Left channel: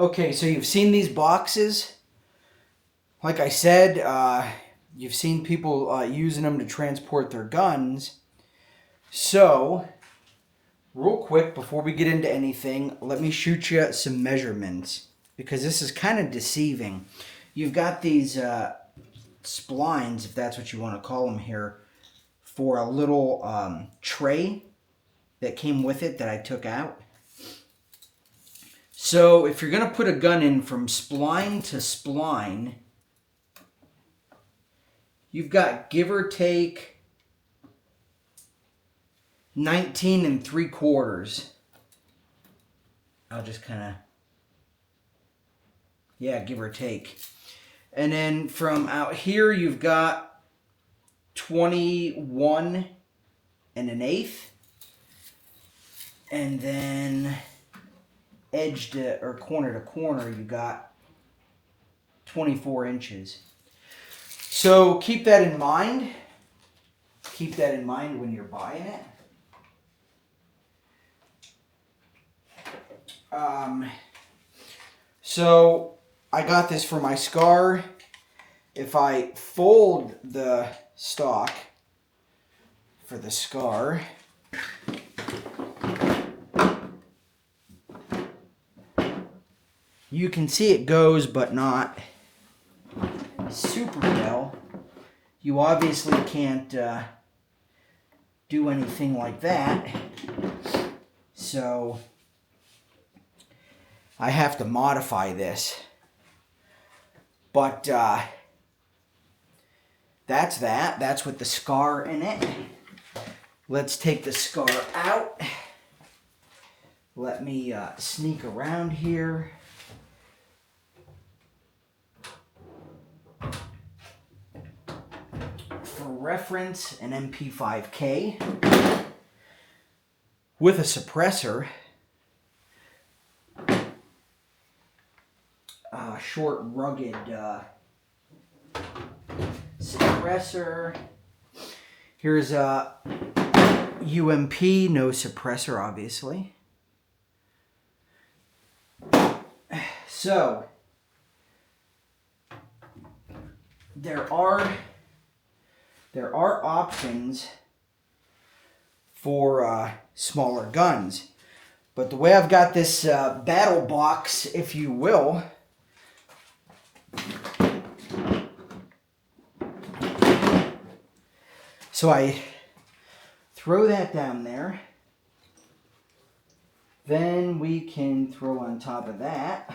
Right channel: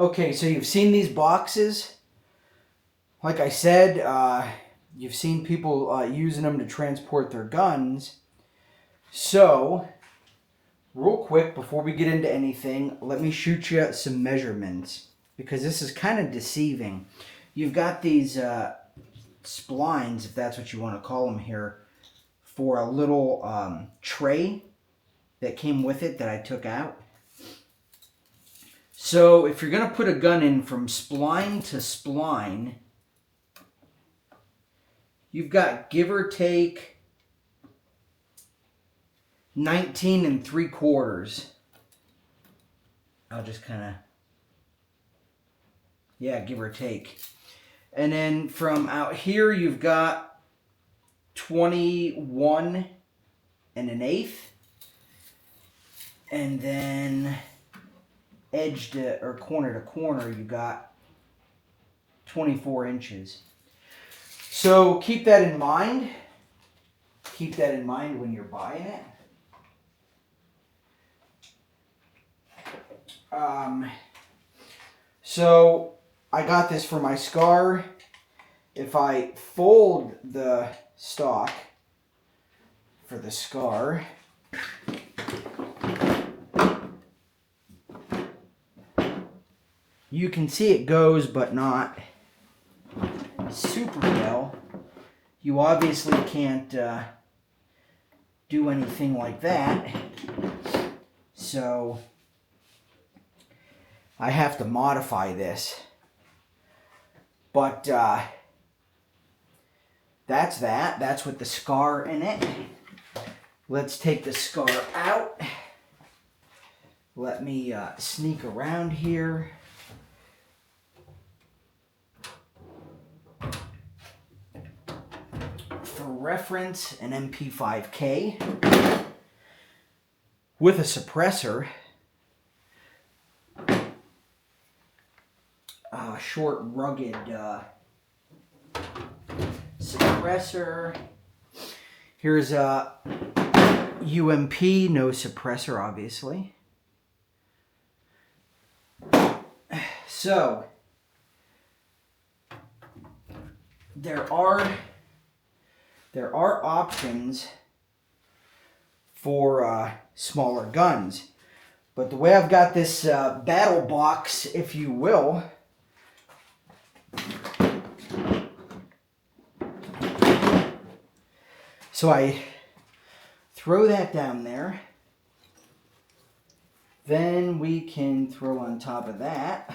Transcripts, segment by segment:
Okay, so you've seen these boxes. Like I said, you've seen people using them to transport their guns. So, real quick, before we get into anything, let me shoot you some measurements, because this is kind of deceiving. You've got these splines, if that's what you want to call them here, for a little tray that came with it that I took out. So if you're going to put a gun in from spline to spline, you've got, give or take, 19 3/4. I'll just kind of, yeah, give or take. And then from out here, you've got 21 1/8. And then edge to, or corner to corner, you got 24 inches. So keep that in mind. Keep that in mind when you're buying it. So I got this for my SCAR. If I fold the stock for the SCAR, you can see it goes, but not super well. You obviously can't do anything like that. So I have to modify this. But that's that. That's with the SCAR in it. Let's take the SCAR out. Let me sneak around here. For reference, an MP5K with a suppressor, short, rugged suppressor. Here's a UMP, no suppressor, obviously. So there are options for smaller guns, but the way I've got this battle box, if you will, so I throw that down there. Then we can throw on top of that.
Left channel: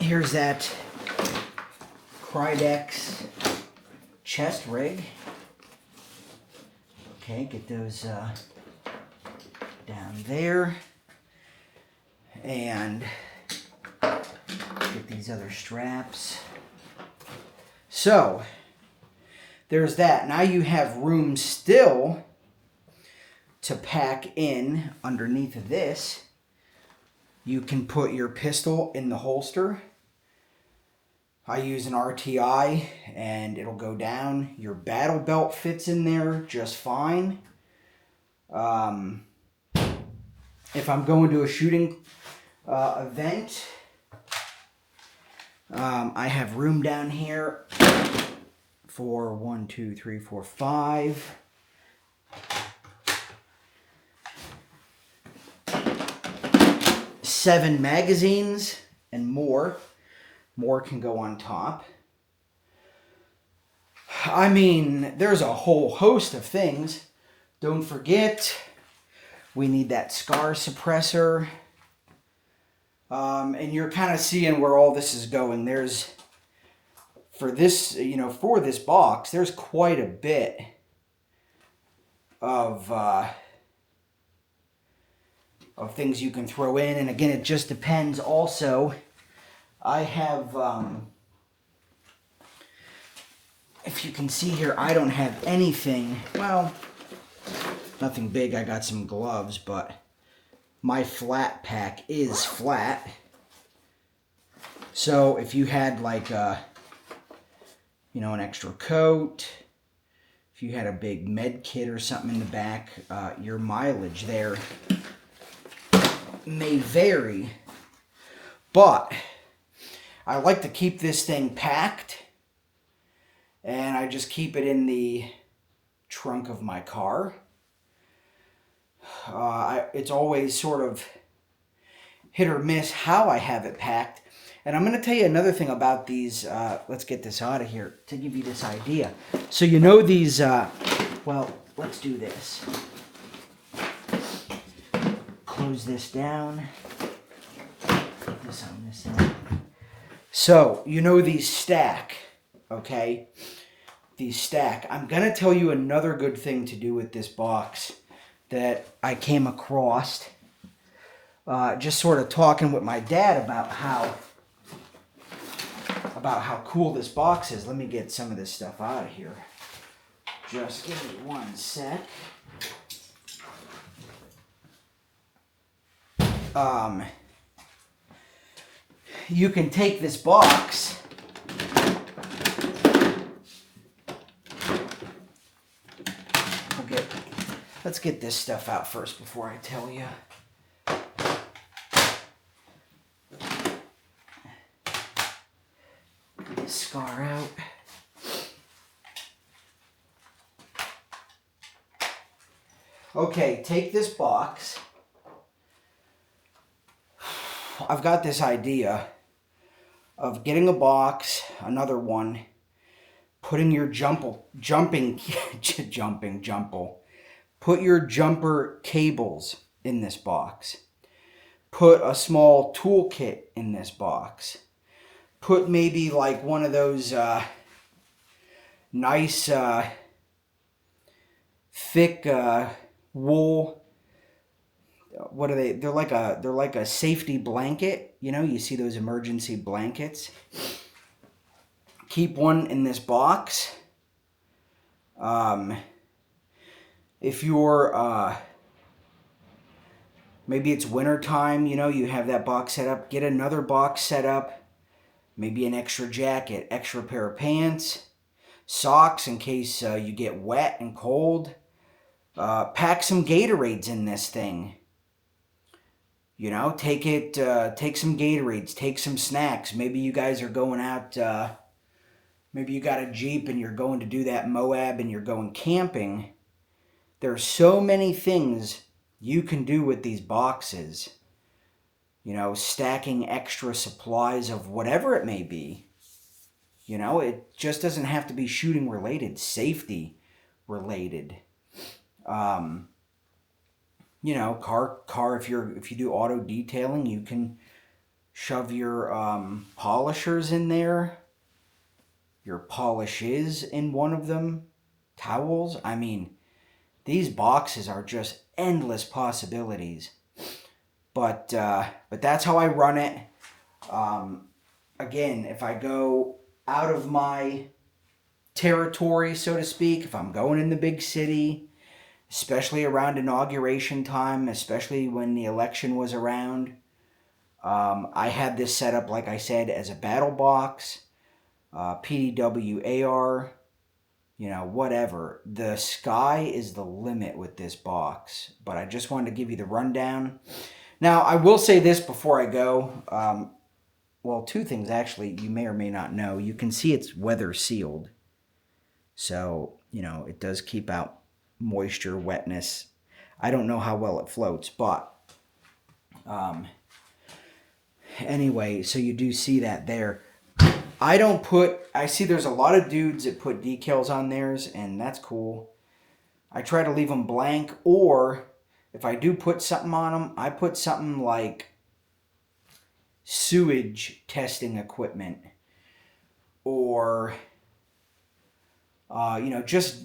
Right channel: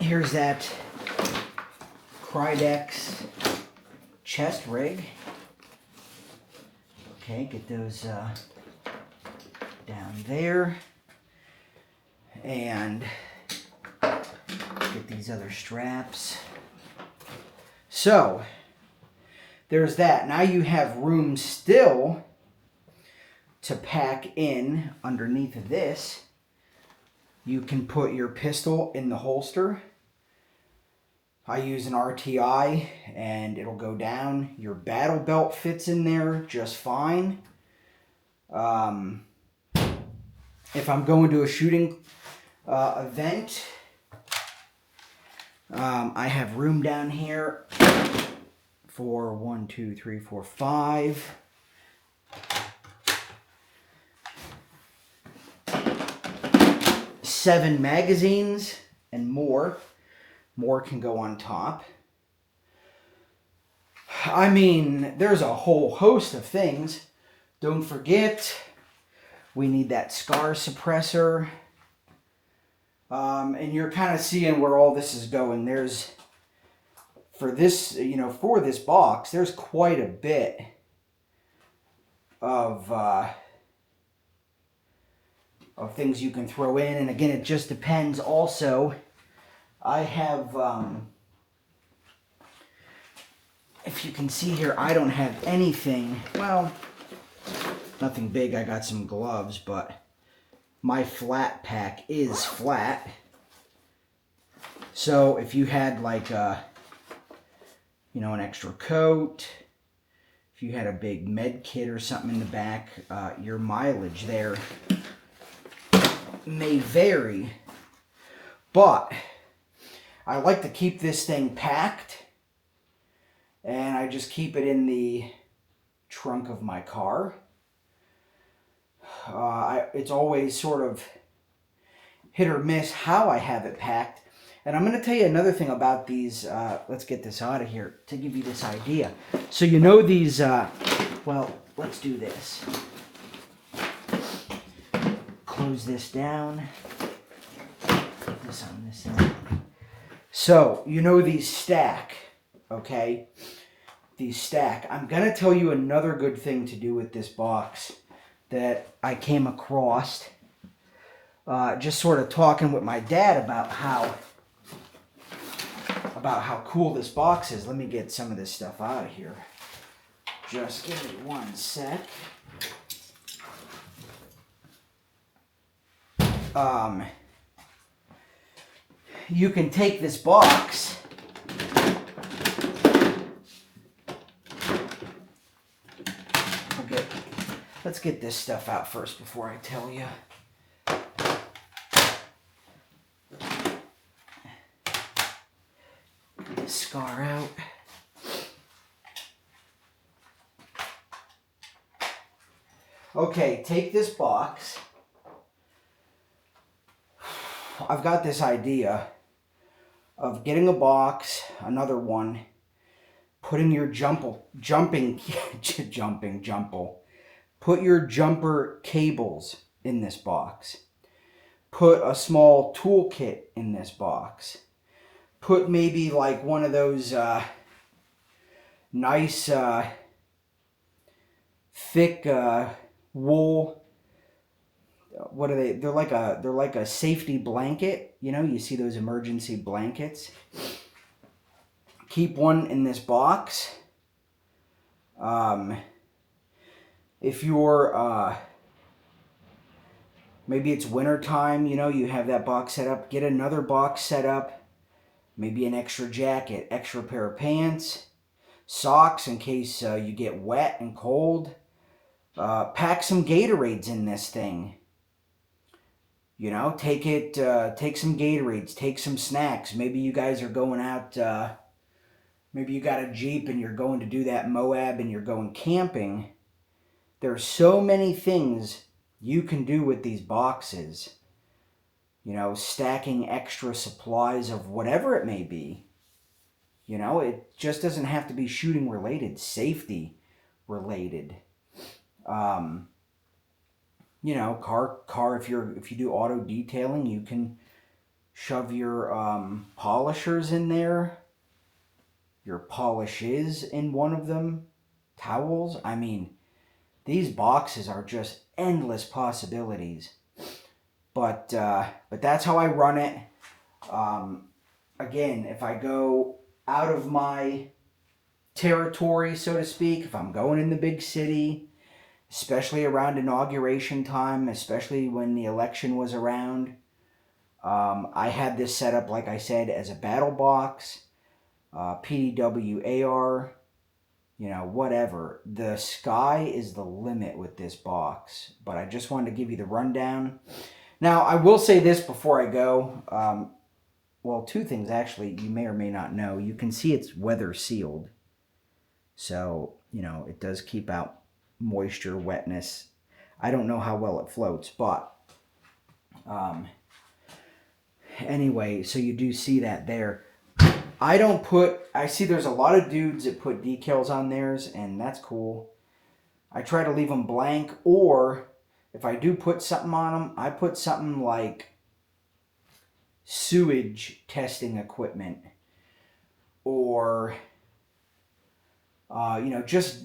Here's that Krydex chest rig. Okay, get those down there. And get these other straps. So, there's that. Now you have room still to pack in underneath of this. You can put your pistol in the holster. I use an RTI and it'll go down. Your battle belt fits in there just fine. If I'm going to a shooting event, I have room down here for 1, 2, 3, 4, 5. Seven magazines and more. More can go on top. I mean, there's a whole host of things. Don't forget, we need that SCAR suppressor. And you're kind of seeing where all this is going. There's, for this, for this box, there's quite a bit of things you can throw in. And again, it just depends. Also, I have, if you can see here, I don't have anything, well, nothing big. I got some gloves, but my flat pack is flat. So if you had like a, an extra coat, if you had a big med kit or something in the back, your mileage there may vary. But I like to keep this thing packed, and I just keep it in the trunk of my car. It's always sort of hit or miss how I have it packed. And I'm going to tell you another thing about these. Let's get this out of here to give you this idea. So you know these, well, let's do this. Close this down. Put this on this side. So, you know these stack, okay? These stack. I'm going to tell you another good thing to do with this box that I came across. Just sort of talking with my dad about how cool this box is. Let me get some of this stuff out of here. Just give me one sec. You can take this box let's get this stuff out first before I tell you. Get this scar out. Okay, take this box. I've got this idea of getting a box, another one, putting your put your jumper cables in this box. Put a small toolkit in this box. Put maybe like one of those nice thick wool. What are they? They're like a safety blanket. You know, you see those emergency blankets. Keep one in this box. If you're maybe it's winter time, you know, you have that box set up. Get another box set up. Maybe an extra jacket, extra pair of pants, socks in case you get wet and cold. Pack some Gatorades in this thing. You know, take some Gatorades, take some snacks. Maybe you guys are going out, maybe you got a Jeep and you're going to do that Moab and you're going camping. There are so many things you can do with these boxes. You know, stacking extra supplies of whatever it may be. You know, it just doesn't have to be shooting related, safety related. You know, car. If you do auto detailing, you can shove your polishers in there. Your polishes in one of them. Towels. I mean, these boxes are just endless possibilities. But that's how I run it. Again, if I go out of my territory, so to speak, if I'm going in the big city, especially around inauguration time, especially when the election was around. I had this set up, like I said, as a battle box, PDW AR, you know, whatever. The sky is the limit with this box, but I just wanted to give you the rundown. Now, I will say this before I go. Well, two things, actually, you may or may not know. You can see it's weather sealed. So, you know, it does keep out moisture, wetness. I don't know how well it floats, but anyway, so you do see that there. I see there's a lot of dudes that put decals on theirs, and that's cool. I try to leave them blank, or if I do put something on them, I put something like sewage testing equipment, or you know, just,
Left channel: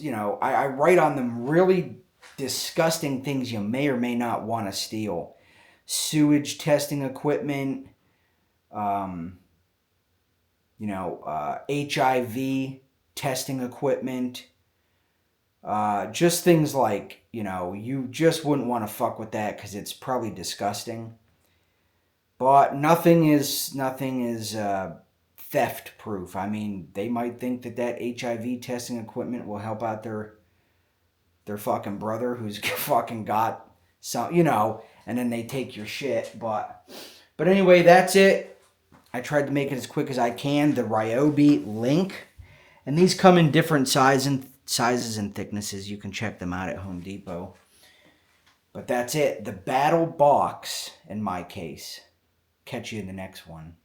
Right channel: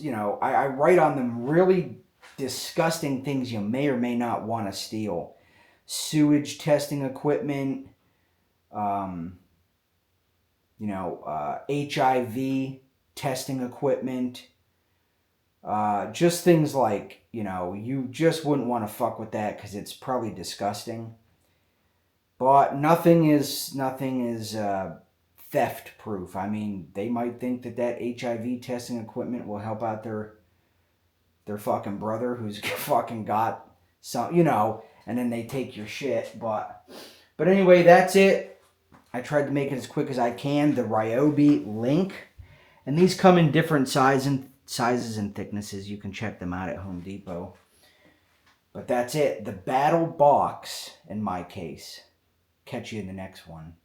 you know, I write on them really disgusting things you may or may not want to steal. Sewage testing equipment, you know, HIV testing equipment, just things like, you know, you just wouldn't want to fuck with that because it's probably disgusting. But nothing is theft proof. I mean, they might think that HIV testing equipment will help out their fucking brother who's fucking got some, you know, and then they take your shit. But But anyway, that's it. I tried to make it as quick as I can. The Ryobi Link. And these come in different sizes and thicknesses. You can check them out at Home Depot. But that's it. The Battle Box, in my case. Catch you in the next one.